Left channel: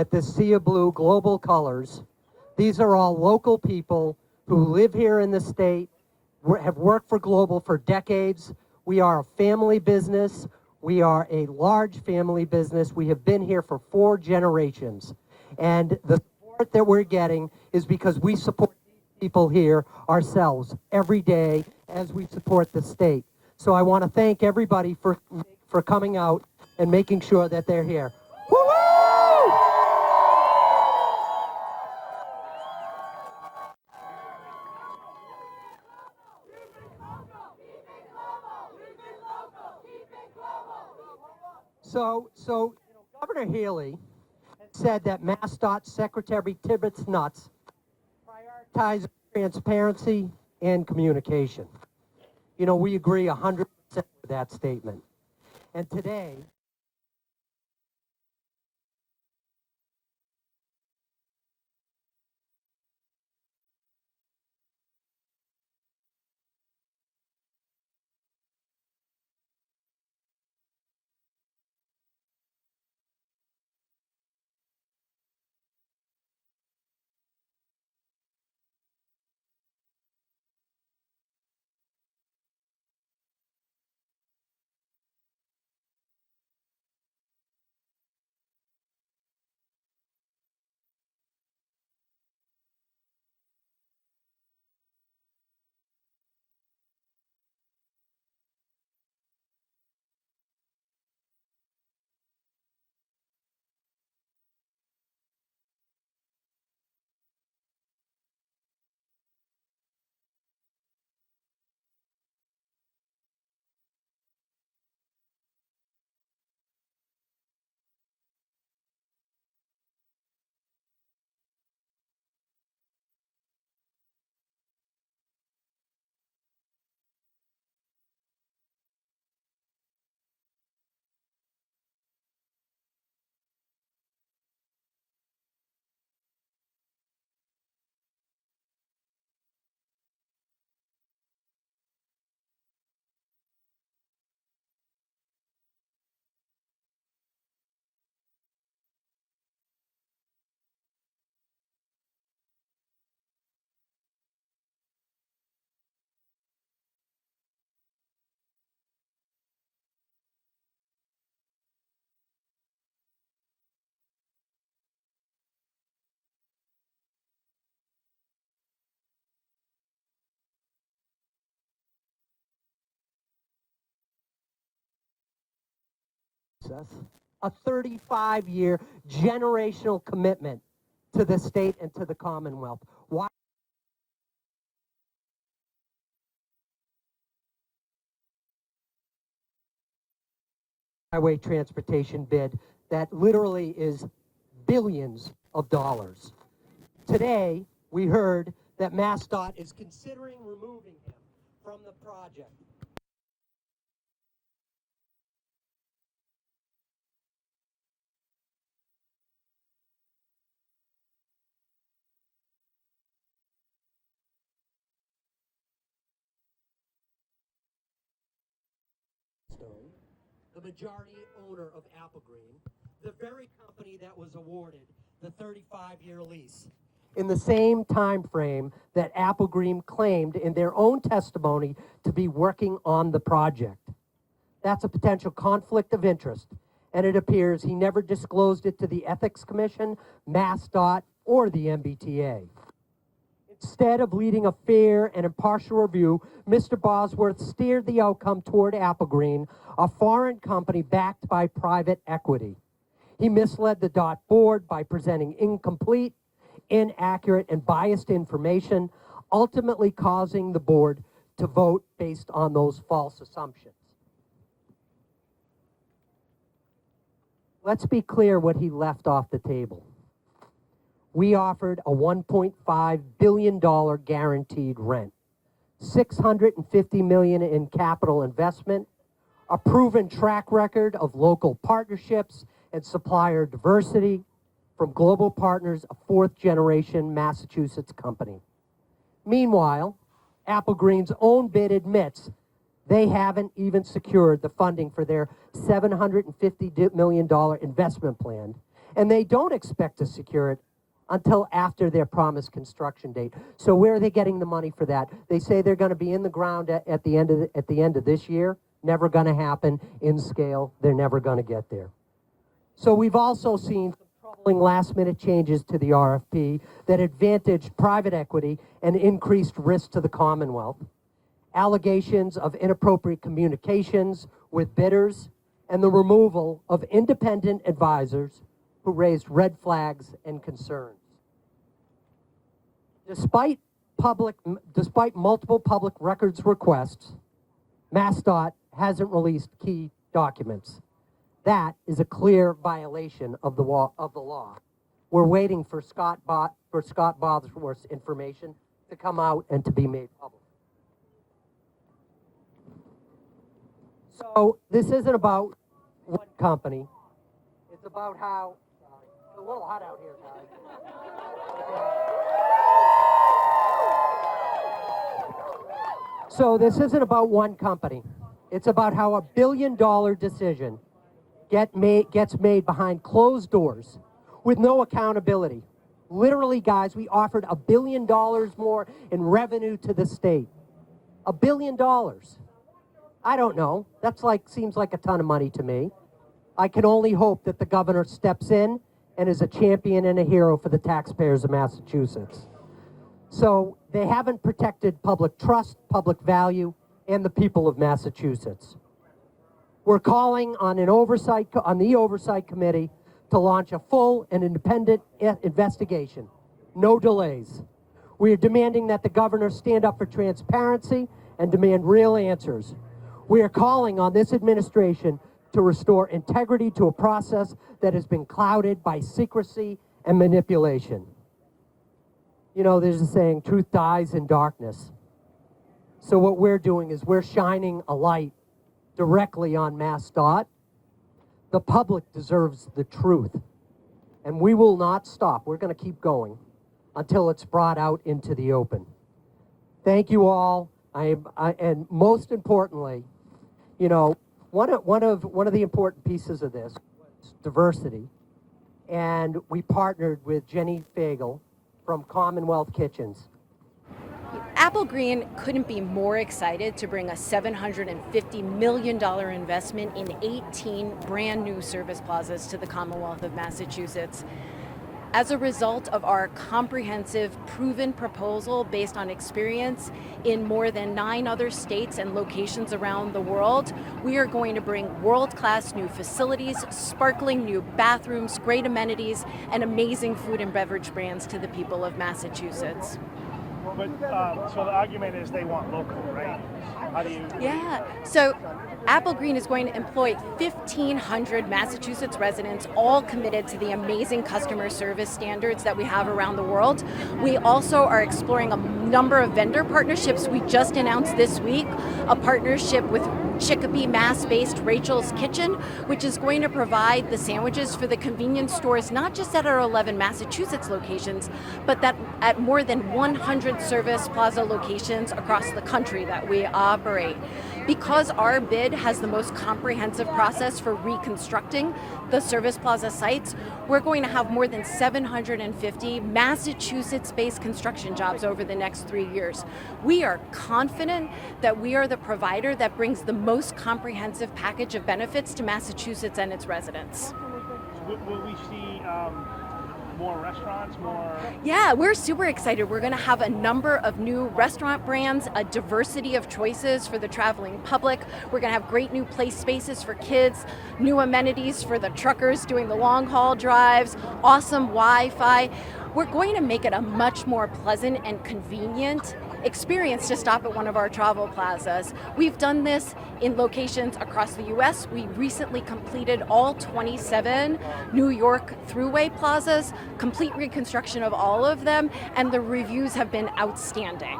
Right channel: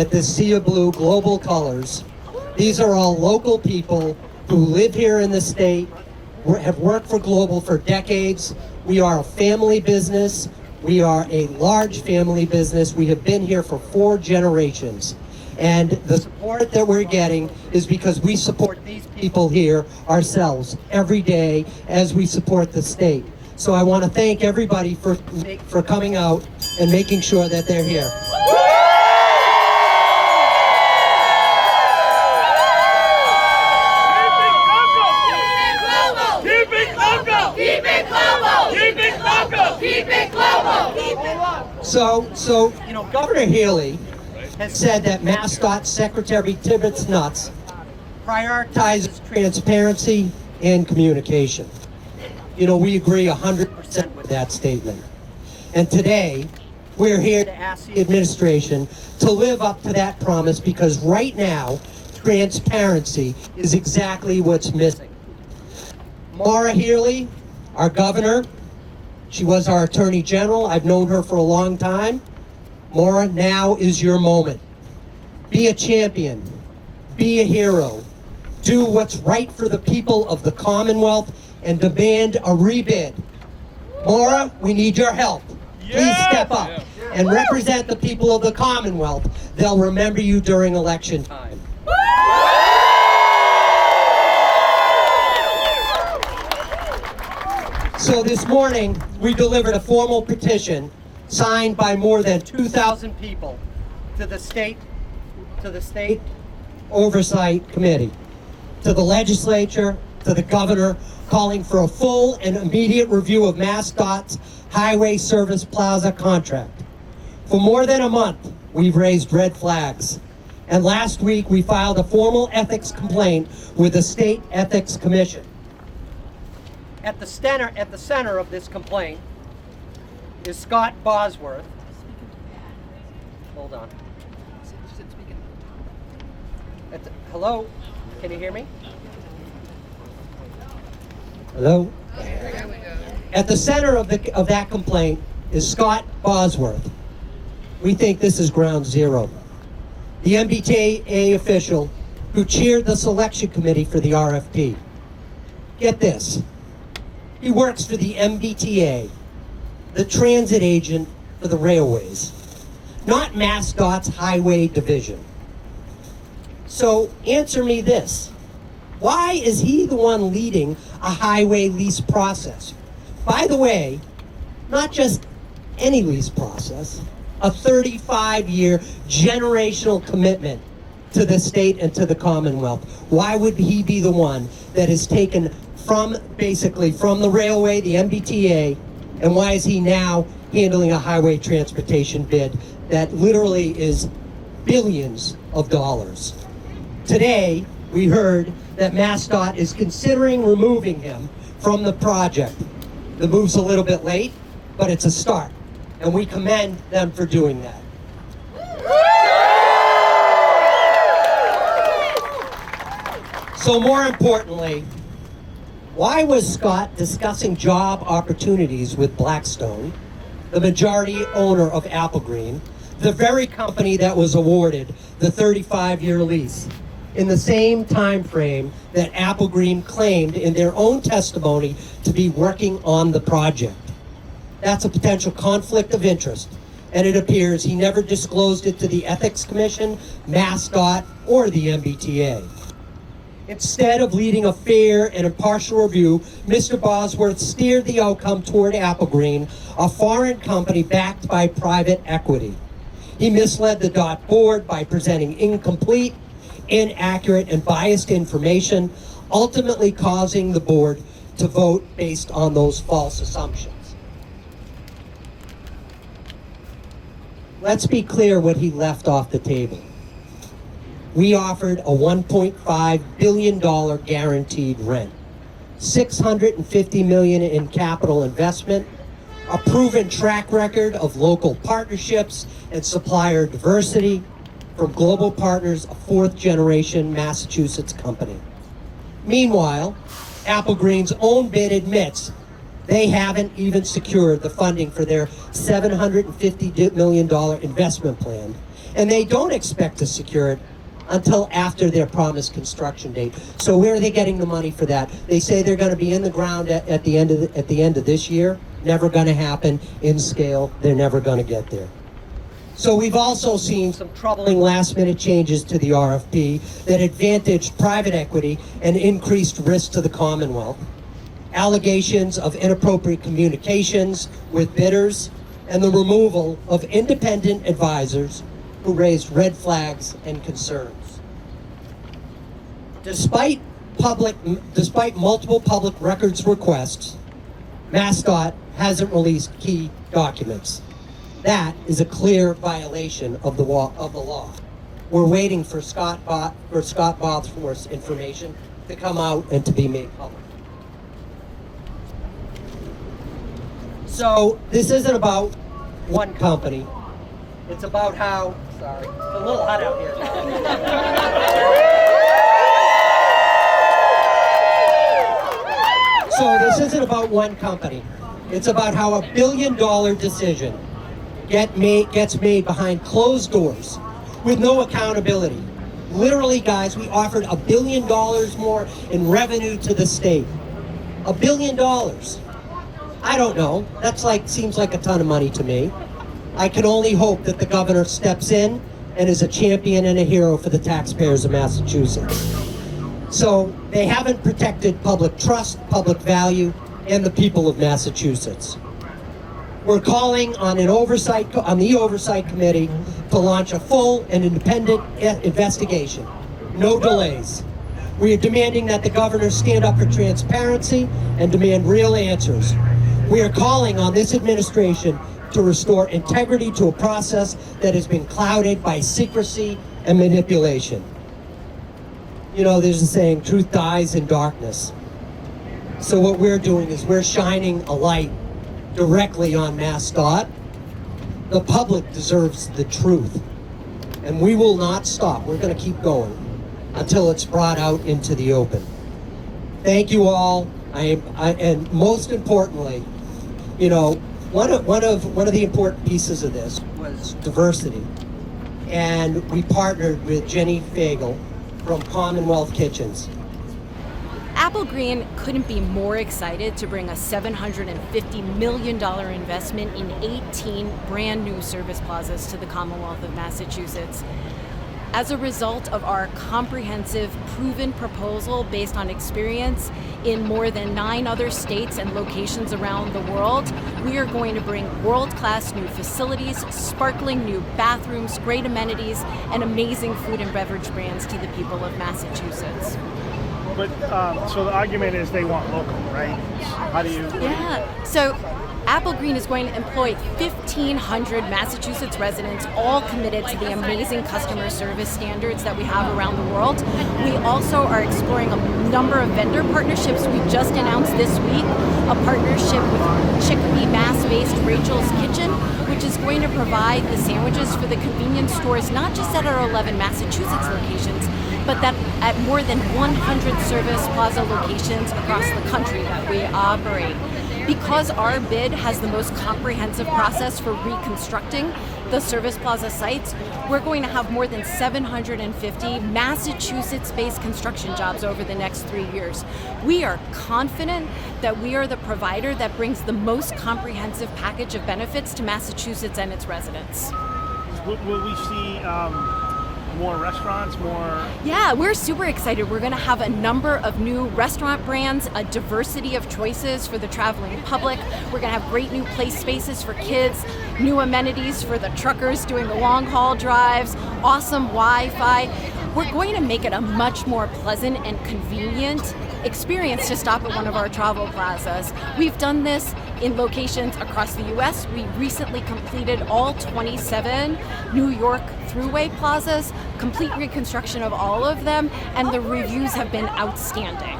at this sea of blue global colors. These are all local people who live here in the state, have worked for Global for decades. We are a family business. We are a large family business. We have been here for 4 generations. And the support that we're getting is because we support these people here ourselves every day as we support the state. So I want to thank everybody for coming out and making sure that they're here. So, you know, Governor Healy has said that MassDOT Secretary Tibbetts Nuts prioritizes transparency and communication. You know, we agree 100% with that statement. And today, we're here to ask the administration to live up to that promise, because right now, transparency is exactly what's missing. Maura Healey, our governor, she was our Attorney General. I've known her for a long time. Maura, now is your moment. Be a champion. Be a hero. Do what's right for the people of the Commonwealth and demand a rebid. Maura, we need your help. Please step up and represent the people of the Commonwealth. They'll remember you during election time. So this morning, we delivered a formal petition signed by more than 2,000 people to the State Oversight Committee, to the legislature, to the governor, calling for a full and immediate review of MassDOT's Highway Service Plaza contract. For more than a month, we've raised red flags. And last week, we filed a formal ethics complaint with the State Ethics Commission. At the center of this complaint is Scott Bosworth. Hold on. Hello? Can you hear me? Hello? At the center of that complaint is Scott Bosworth. We think this is ground zero. The MBTA official who chaired the selection committee for the RFP. Get this. He works for the MBTA, the transit agent for the railways, not MassDOT's highway division. So answer me this. Why is he the one leading a highway lease process? By the way, not just any lease process, a 35-year generational commitment to the state and to the Commonwealth. Why would he be the one that is taken from the railway, the MBTA, and why is he now handling a highway transportation bid that literally is billions of dollars? Today, we heard that MassDOT is considering removing him from the project. The move's a little bit late, but it's a start, and we commend them for doing that. So more importantly, why was Scott discussing job opportunities with Blackstone, the majority owner of Applegreen, the very company that was awarded the 35-year lease, in the same time frame that Applegreen claimed in their own testimony to be working on the project? That's a potential conflict of interest, and it appears he never disclosed it to the Ethics Commission, MassDOT, or the MBTA. Instead of leading a fair and impartial review, Mr. Bosworth steered the outcome toward Applegreen, a foreign company backed by private equity. He misled the DOT board by presenting incomplete, inaccurate, and biased information, ultimately causing the board to vote based on those false assumptions. Let's be clear what he left off the table. We offered a $1.5 billion guaranteed rent, $650 million in capital investment, a proven track record of local partnerships and supplier diversity from Global Partners, a 4th-generation Massachusetts company. Meanwhile, Applegreen's own bid admits They haven't even secured the funding for their $750 million investment plan, and they don't expect to secure it until after their promised construction date. So where are they getting the money for that? They say they're going to be in the ground at the end of this year. Never going to happen in scale. They're never going to get there. So we've also seen some troubling last-minute changes to the RFP that advantaged private equity and increased risk to the Commonwealth. Allegations of inappropriate communications with bidders, and the removal of independent advisors who raised red flags and concerns. Despite multiple public records requests, MassDOT hasn't released key documents. That is a clear violation of the law. We're waiting for Scott Bosworth's information to come out and to be made public. So this isn't about one company. It's about how, sorry, it's a little hot out here. So this isn't about one company. It's about how a $1 billion decision gets made behind closed doors with no accountability. Literally, guys, we offered $1 billion more in revenue to the state. $1 billion. I don't know. Seems like a ton of money to me. I can only hope that the governor steps in and is a champion and a hero for the taxpayers of Massachusetts. So they haven't protected public trust, public value, and the people of Massachusetts. We're calling on the oversight committee to launch a full and independent investigation. No delays. We are demanding that the governor stand up for transparency and demand real answers. We are calling on this administration to restore integrity to a process that has been clouded by secrecy and manipulation. You know, there's a saying, truth dies in darkness. So what we're doing is we're shining a light directly on MassDOT. The public deserves the truth, and we will not stop. We're going to keep going until it's brought out into the open. Thank you all. And most importantly, you know, one of the important pieces of this was diversity, and we partnered with Jenny Fagel from Commonwealth Kitchens. Applegreen couldn't be more excited to bring a $750 million investment in 18 brand new service plazas to the Commonwealth of Massachusetts. As a result of our comprehensive, proven proposal based on experience in more than 9 other states and locations around the world, we are going to bring world-class new facilities, sparkling new bathrooms, great amenities, and amazing food and beverage brands to the people of Massachusetts. But so the argument is they want local, right? How do you? Yeah. So Applegreen is going to employ 1,500 Massachusetts residents, all committed to the amazing customer service standards that we have around the world. We also are exploring a number of vendor partnerships. We just announced this week a partnership with Chicopee, Mass-based Rachel's Kitchen, which is going to provide the sandwiches for the convenience stores, not just at our 11 Massachusetts locations, but that at more than 100 service plaza locations across the country that we operate. Because our bid has the most comprehensive process for reconstructing the service plaza sites, we're going to have more than 750 Massachusetts-based construction jobs over the next 3 years. We are confident that we are the provider that brings the most comprehensive package of benefits to Massachusetts and its residents. Will we see more restaurants, more? Yeah, we're super excited. We're going to have a number of new restaurant brands, a diversity of choices for the traveling public. We're going to have great new play spaces for kids, new amenities for the truckers doing the long haul drives, awesome Wi-Fi. We're going to make it a much more pleasant and convenient experience to stop at one of our travel plazas. We've done this in locations across the U.S. We recently completed all 27 New York Thruway plazas, complete reconstruction of all of them, and the reviews have been outstanding.